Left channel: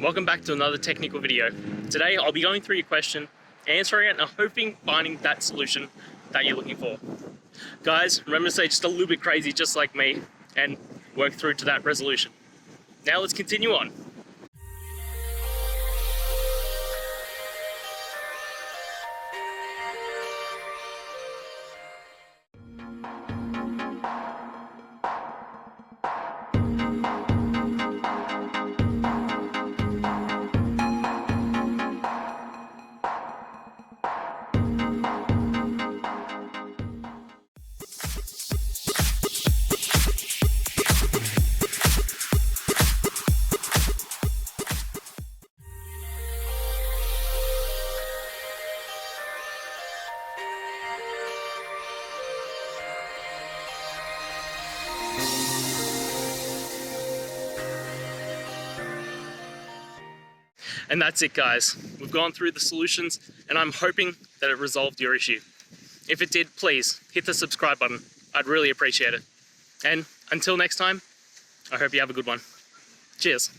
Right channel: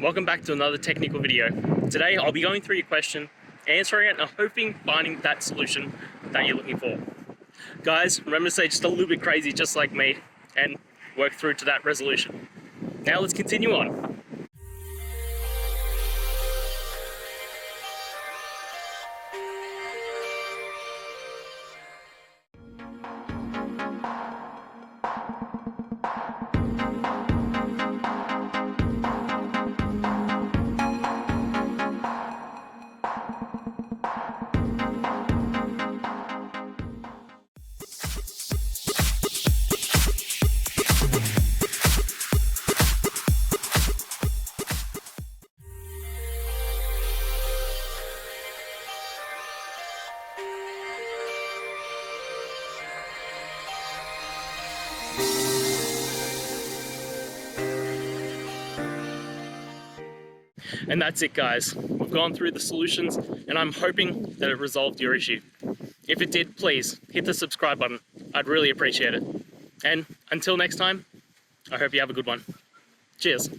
welcome back to another technical video. Today I'll be going through your question, answering it, and hoping finding that solution that you're looking for. Guys, remember to stay just a little bit crazy just like me and work through to that resolution. Now let's continue on. And that's it, guys. We've gone through the solutions and I'm hoping that it resolved your issue. If it did, please hit the subscribe button. I'd really appreciate it. And until next time, I hope you have a good one. Cheers.